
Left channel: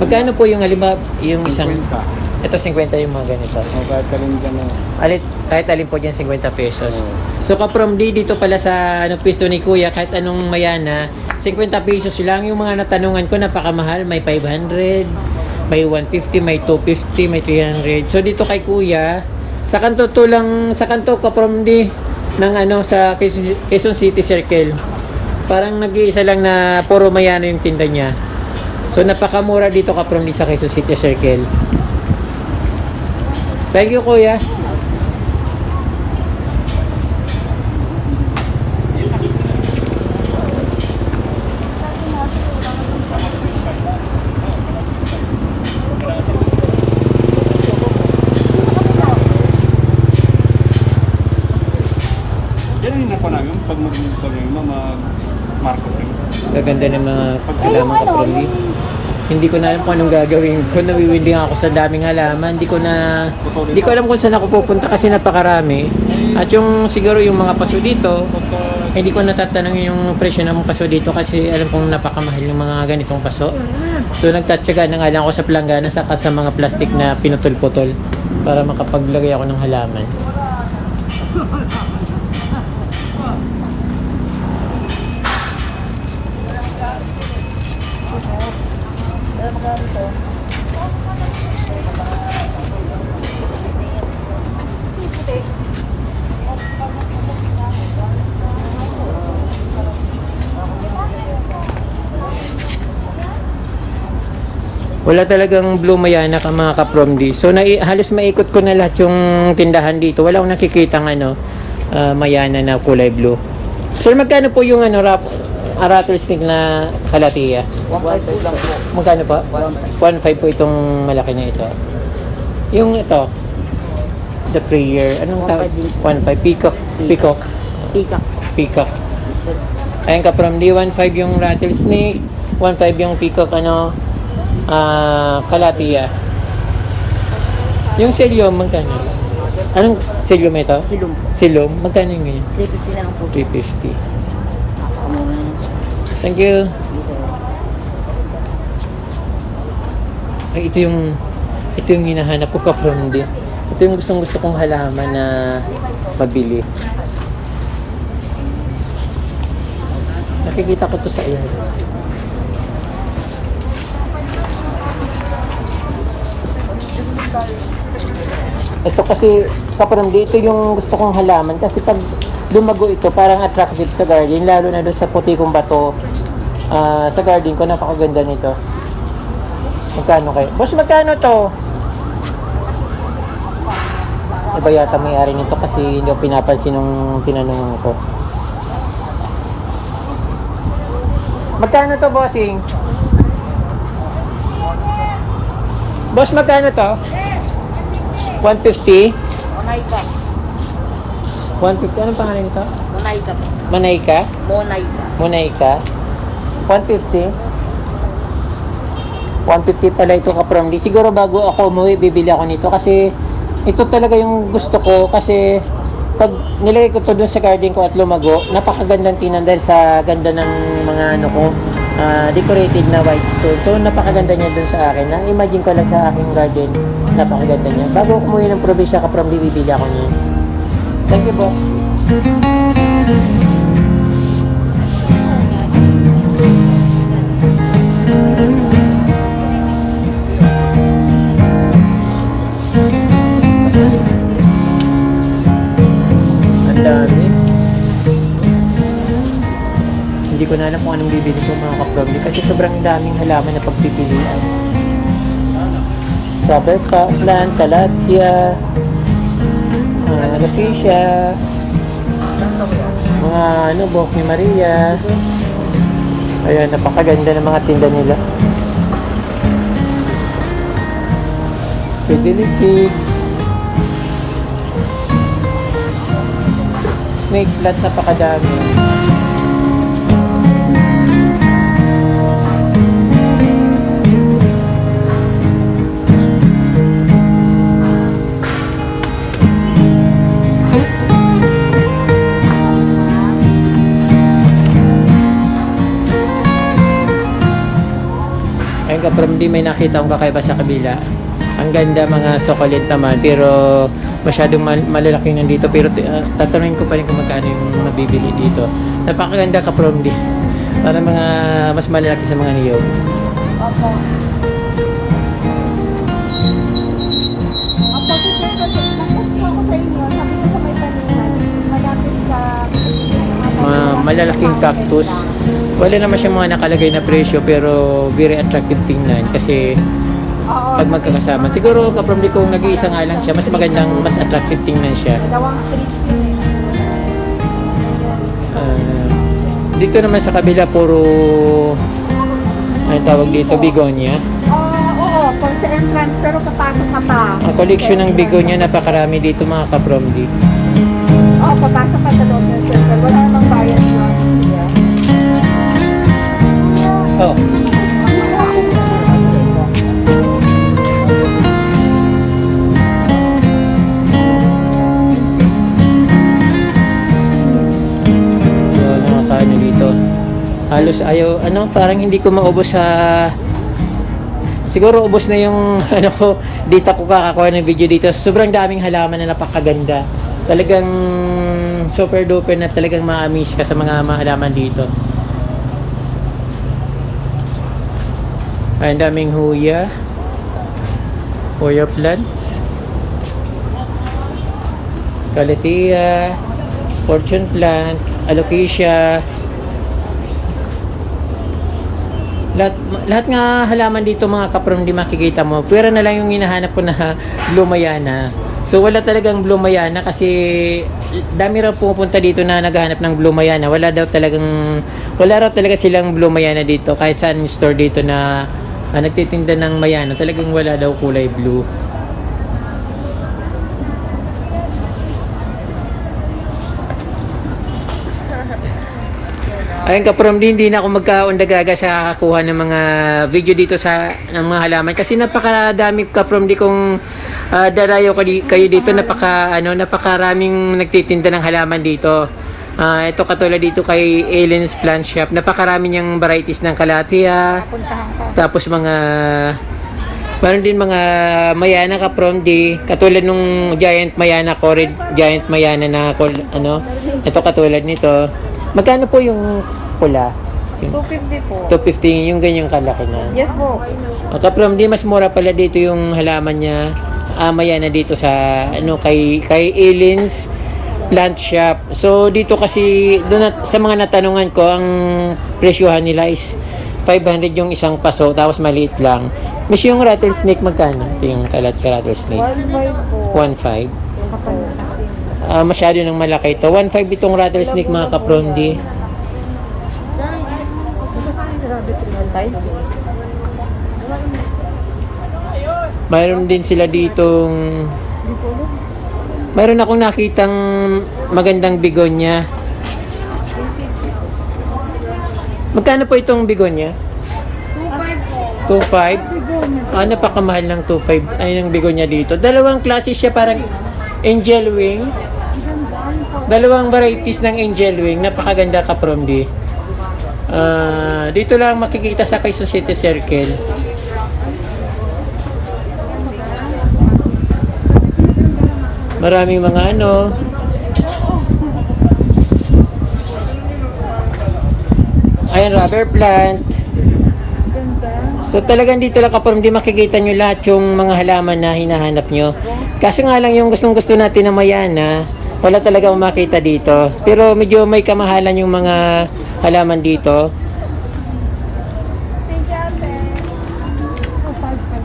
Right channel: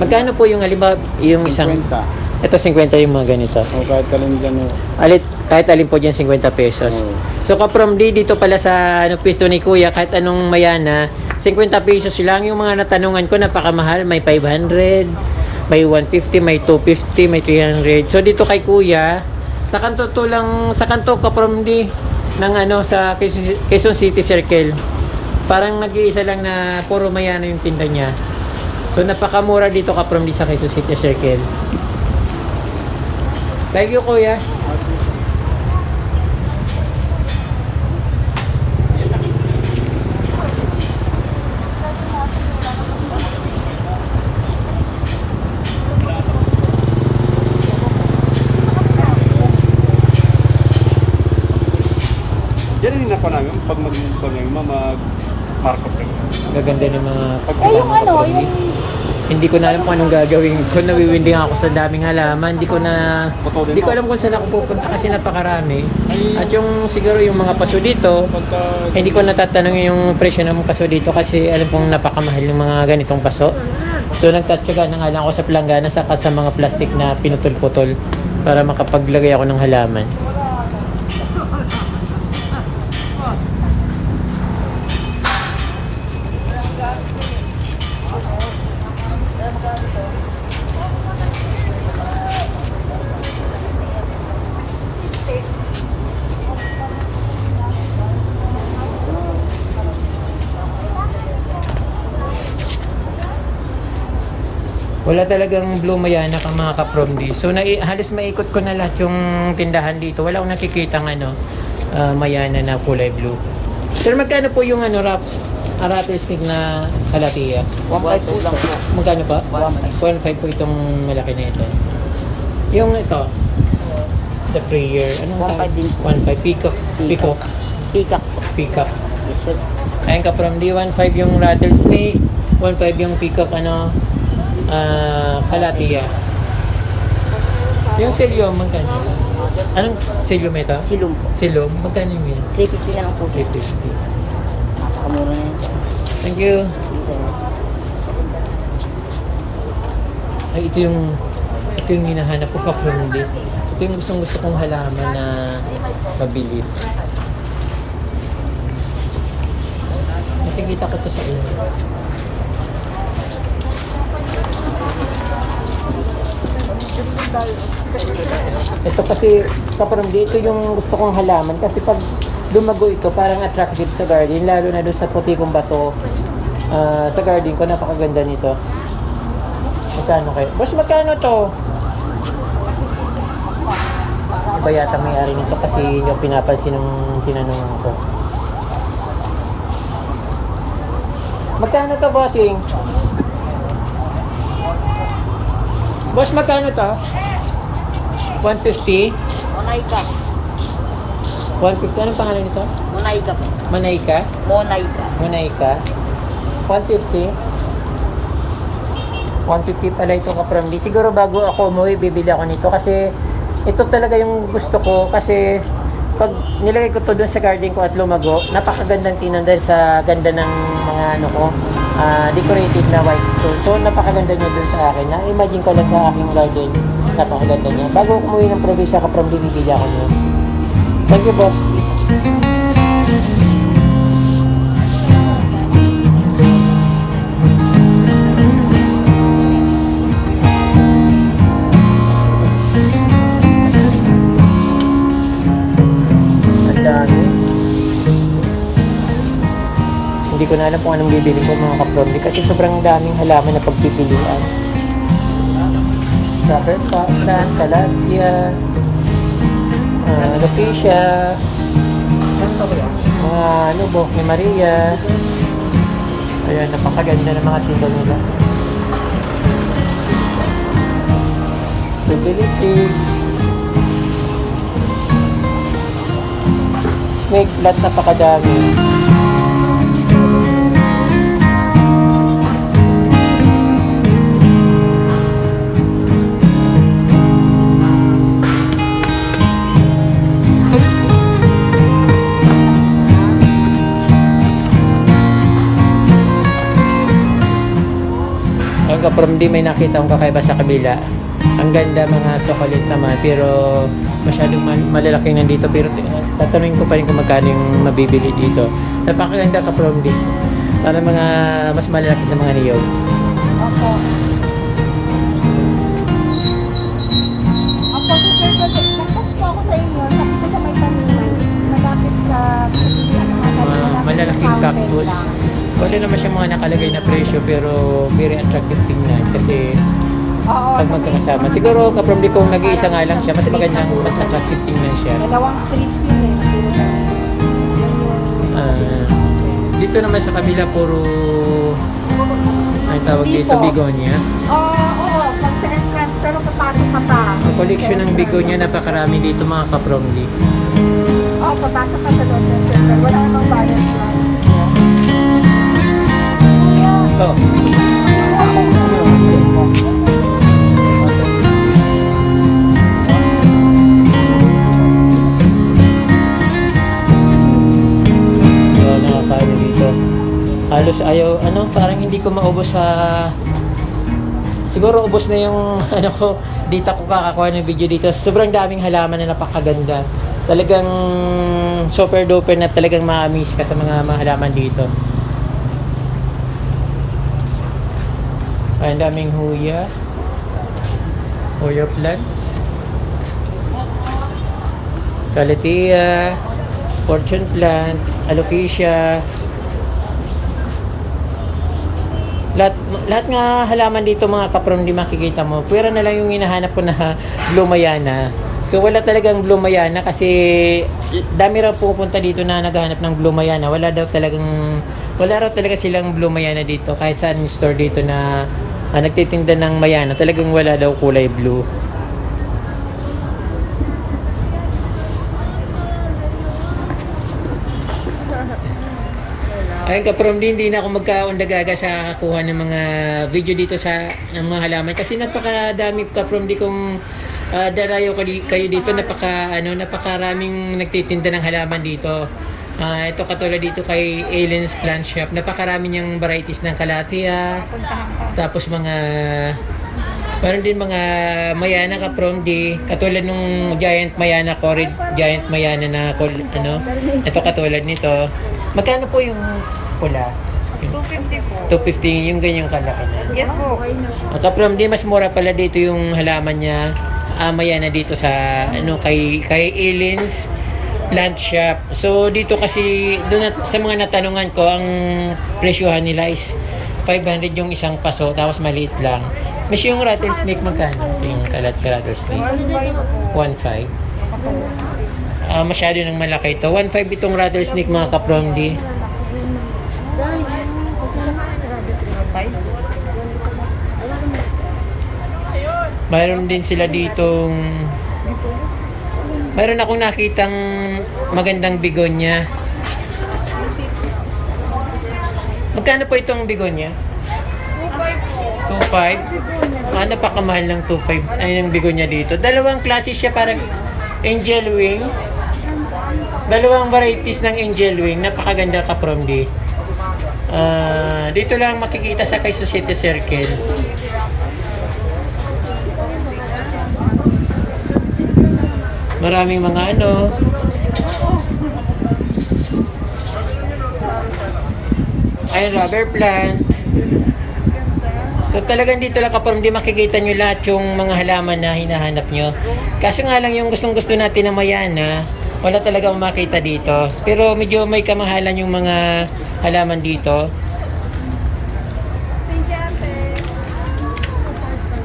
Magkano po yung halimbawa, yung isang... 50. Ito 50 yung mga ganito. O kahit talin dyan o. Kahit alin po dyan 50 pesos. Oo. So ka-from dito pala sa pwesto ni kuya, kahit anong mayana, 50 pesos lang. Yung mga natanungan ko, napakamahal. May 500, may 150, may 250, may 300. So dito kay kuya, sa kanto ka-from ng sa Quezon City Circle. Parang nag-iisa lang na puro mayana yung tinda niya. So napakamura dito ka-from sa Quezon City Circle. Thank you, kuya. Yan yung nakuha namin pag mag-problema, mag-market ka. Gaganda ng mga halaman ka-from Hindi ko na alam kung anong gagawin ko. Nawiwinding ako sa daming halaman. Hindi ko alam kung saan ako pupunta kasi napakarami. At yung siguro yung mga paso dito, hindi ko natatanong yung presyo ng paso dito kasi alam kong napakamahal yung mga ganitong paso. So nagtatyaga na nga lang ako sa planggana saka sa mga plastic na pinutol-putol para makapaglagay ako ng halaman. Wala talagang blue mayana ka mga ka-from D. So halos maikot ko na lahat yung tindahan dito. Wala akong nakikitang mayana na kulay blue. Sir, magkano po yung rattlesnake na kalatia? Magkano pa? 1.5 po itong malaki na ito. Yung ito, the prayer, anong tawag? 1.5 peacock. Peacock. Ayun ka-from D, 1.5 yung rattlesnake, 1.5 yung peacock kalatia. Yung selyom, magkano? Anong selyom ito? Silom. Magkano yung ngayon? 350 lang po. 350. Thank you. Ay, ito yung hinahanap ko ka-from din. Ito yung gusto kong halaman na mabili. Nakikita ko to sa iyan. Ito kasi ka-from dito yung gusto kong halaman kasi pag lumago ito parang attractive sa garden, lalo na doon sa puti kong bato. Sa garden ko napakaganda nito. Magkano kayo? Boss, magkano to? Iba yata may-ari nito kasi hindi ko pinapansin nung tinanong ko. Magkano to, bossing? Boss, magkano to? 150? Monayka. 150. Anong pangalan nito? Monayka. Manayka? Monayka. Monayka? 150? 150 pala ito ka-from D. Siguro bago ako umuwi, bibili ako nito kasi ito talaga yung gusto ko kasi pag nilagay ko to doon sa garden ko at lumago, napakagandang tingnan dahil sa ganda ng mga decorated na white stone. So napakaganda niya doon sa akin. Na-imagine ko lang sa aking garden, napakaganda niya. Bago ako umuwi ng probinsya ka-from D, bibili ako niyan. Thank you, boss. Ang dami. Hindi ko na alam kung anong bibili ko mga ka-from D kasi sobrang daming halaman na pagpipilian. rubber plant, calathea, alocasia, mga buhok ni Maria. Ayan, napakaganda ng mga tinda nila. Fidelity, snake plant, napakadami. Ayun ka, from di may nakita akong kakaiba sa kabila. Ang ganda mga succulent naman, pero masyadong malalaki nandito. Pero tatanungin ko pa rin kung magkano yung mabibili dito. Napakaganda ka from di. Para mga mas malalaki sa mga niyog. Mga malalaking cactus. Wala naman siyang mga nakalagay na presyo, pero very attractive tingnan kasi pag magkakasama. Siguro kaprom di kung nag-iisa nga lang siya, mas magandang, mas attractive tingnan siya. Dito naman sa kabila puro ang tawag dito, begonia. Oo, pag sa entrance, pero papasok ka pa. Ang collection ng begonia, napakarami dito mga kapromdi. Oo, papasok ka sa loob ng circle. Wala namang bayad. Nakakaano dito, halos ayaw, parang hindi ko maubos sa, siguro ubos na yung ko, dito ko kakakuha ng video dito. Sobrang daming halaman na napakaganda, talagang super duper na talagang ma-amaze ka sa mga halaman dito. Ay, ang daming huya plants, calathea, fortune plant, alocasia. Lahat nga halaman dito mga kaprom, di makikita mo. Pwera na lang yung hinahanap ko na blue mayana. So wala talagang blue mayana kasi dami raw pupunta dito na naghahanap ng blue mayana. Wala raw talaga silang blue mayana dito. Kahit saan yung store dito na nagtitinda ng mayana, talagang wala daw kulay blue. Ayun kaprom, hindi na ako magkaundagaga sa kakuha ng mga video dito ng mga halaman kasi napakadami kaprom di kung darayo kayo dito, napakaraming nagtitinda ng halaman dito. Ito katulad dito kay Aliens Plant Shop, napakarami niyang varieties ng calathea, tapos meron din mga mayana kaprom di katulad nung giant mayana, Corid giant mayana na ito katulad nito. Magkano po yung pula? 250 po. 250 yung ganyang kalaki na. Yes po. Kaprom, di mas mura pala dito yung halaman niya. Mayana dito sa kay Aliens Plant Shop. So dito kasi sa mga natanungan ko, ang presyohan nila is 500 yung isang paso, tapos maliit lang. Mas yung rattlesnake magkano? Ito yung rattlesnake. 1.5. Masyado nang malaki ito. 1.5 itong rattlesnake mga kaprom di. Mayroon din sila ditong, mayroon akong nakitang magandang begonia. Magkano po itong begonia? 2.5 po. 2.5? Napakamahal ng 2.5 ay ng begonia dito. Dalawang klase siya, parang angel wing. Dalawang varieties ng angel wing. Napakaganda kaprom di. Dito lang makikita sa Quezon City Circle. Maraming mga ayan, rubber plant. So talagang dito lang kapag hindi makikita nyo lahat yung mga halaman na hinahanap nyo. Kaso nga lang yung gustong-gusto natin na mayana, wala talaga makita dito. Pero medyo may kamahalan yung mga halaman dito.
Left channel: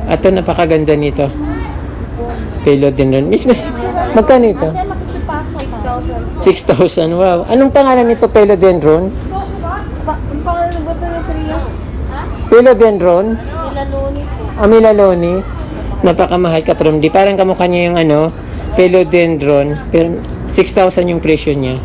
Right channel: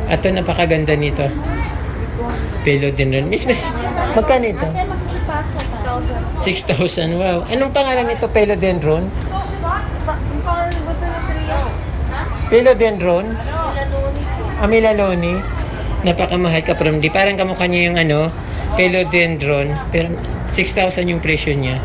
Ito, napakaganda nito. Philodendron. Miss, magkano ito? 6,000. Wow. Anong pangalan nito, philodendron? Philodendron? Amilaloni. Napakamahal ka from di. Parang kamukha niya yung philodendron. Pero 6,000 yung presyo niya.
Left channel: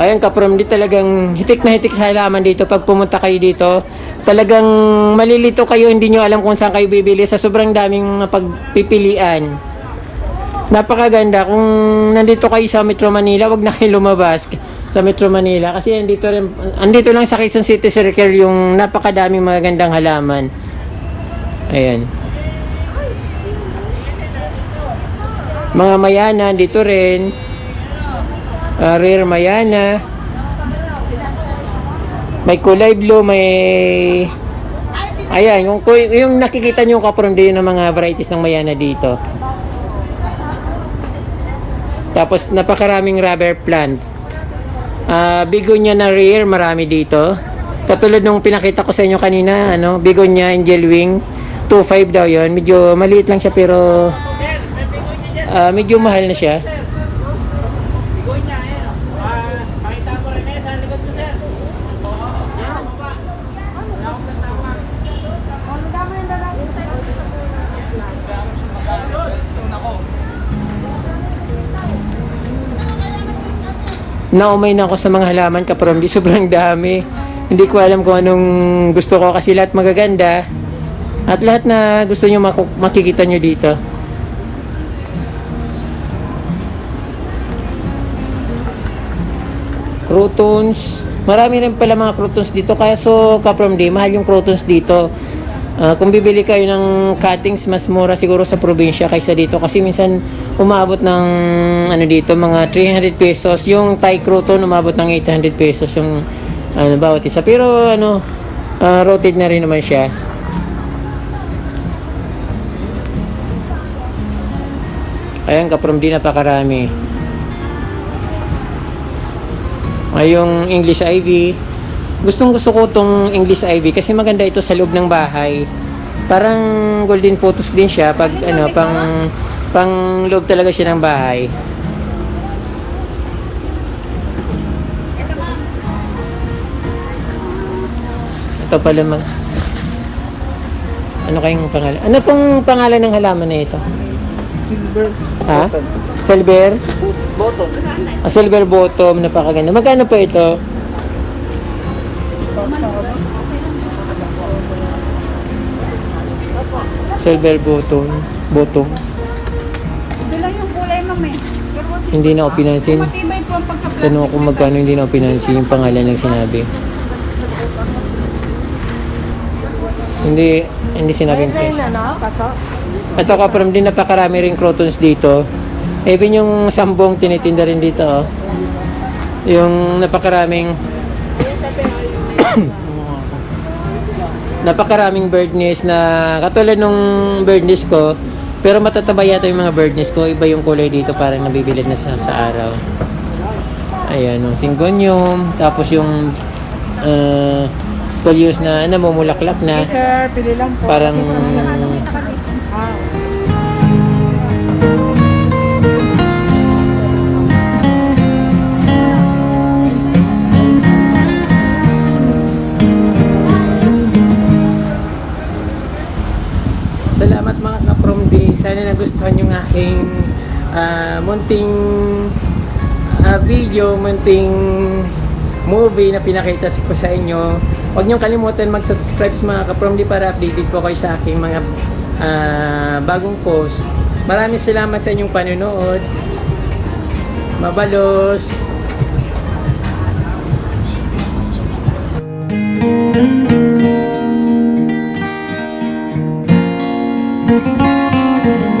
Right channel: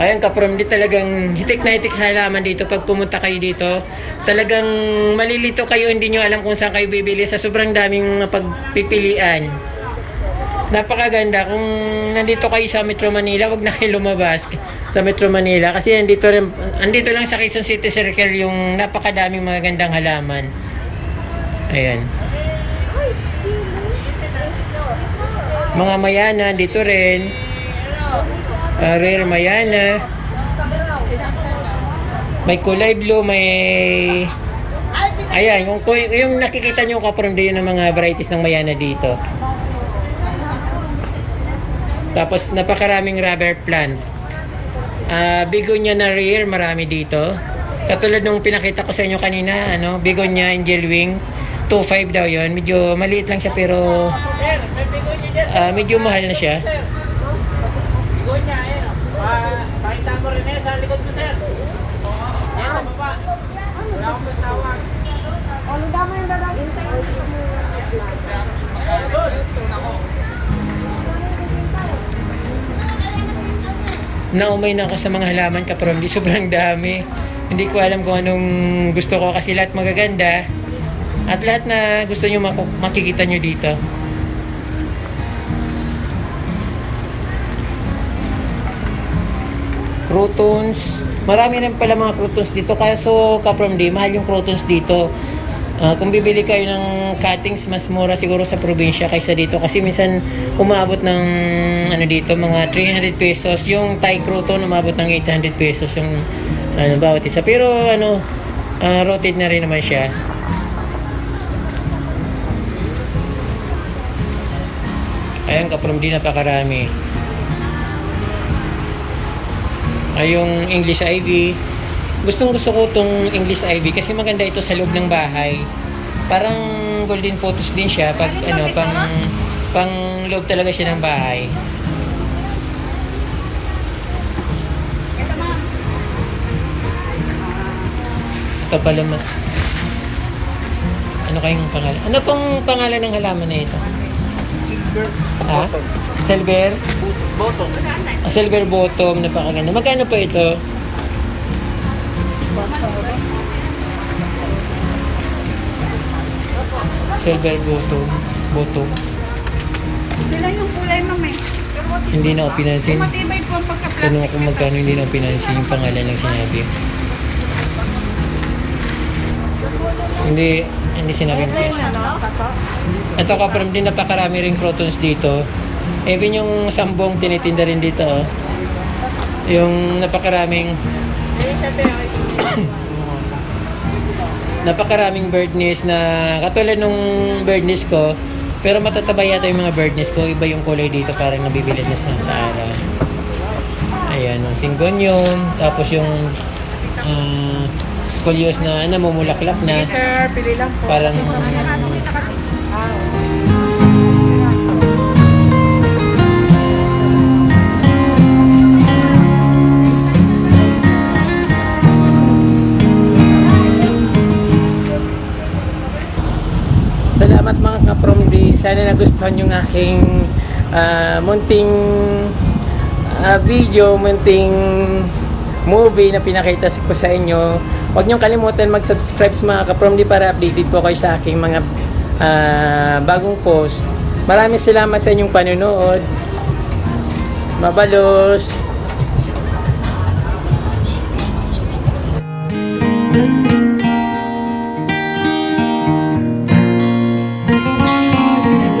Ayan ka from di, talagang hitik na hitik sa halaman dito. Pag pumunta kayo dito, talagang malilito kayo, hindi nyo alam kung saan kayo bibili sa sobrang daming pagpipilian. Napakaganda. Kung nandito kayo sa Metro Manila, wag na kayo lumabas sa Metro Manila kasi andito lang sa Quezon City Circle yung napakadaming magagandang halaman. Ayan. Mga mayana dito rin. Rare mayana. May kulay blue, may ayan, yung nakikita nyo kapron din ng mga varieties ng mayana dito. Tapos napakaraming rubber plant. Bigonia na rare, marami dito. Katulad nung pinakita ko sa inyo kanina, Bigonia Angel Wing, 2.5 daw yon. Medyo maliit lang siya pero medyo mahal na siya. Naumay na ako sa mga halaman kaprom, di sobrang dami. Hindi ko alam kung anong gusto ko kasi lahat magaganda. At lahat na gusto nyo makikita nyo dito. Crotons. Marami rin pala mga crotons dito. Kaya kaprom di, mahal yung crotons dito. Kung bibili kayo ng cuttings, mas mura siguro sa probinsya kaysa dito kasi minsan umabot ng dito mga 300 pesos yung Thai croton, umabot ng 800 pesos yung bawat isa, pero rotate na rin naman siya. Ayan kaprom di, napakarami. Ay yung English ivy. Gustong gusto ko tong English ivy kasi maganda ito sa loob ng bahay. Parang golden photos din siya pag pang loob talaga siya ng bahay. Ito ma'am. Ito pala ano kayong pangalan? Ano pong pangalan ng halaman na ito? Silver. Ha? Silver? Bottom. Silver bottom, napakaganda. Magkano po ito? Silver bottom. Sila yung kulay ma'am eh. Hindi na ako pinansin. Matibay po pagka Tanong ako magkano, hindi na ako pinansin yung pangalan ng sinabi. Hindi sinabing price. Ito kaprom din, napakarami rin crotons dito. Even yung sambong tinitinda rin dito. Oh. Yung napakaraming bird nest na katulad nung bird nest ko, pero matataba yata yung mga bird nest ko. Iba yung kulay dito, parang nabibilad na sa araw. Ayan, yung syngonium, tapos yung coleus na namumulaklak na. Sir, pili lang po. Parang salamat mga kaprom di. Sana nagustuhan yung aking munting video, munting movie na pinakita ko sa inyo. Huwag niyong kalimutan mag-subscribe sa mga kaprom di para updated po kayo sa aking mga bagong post. Maraming salamat sa inyong panonood. Mabalos! Thank you.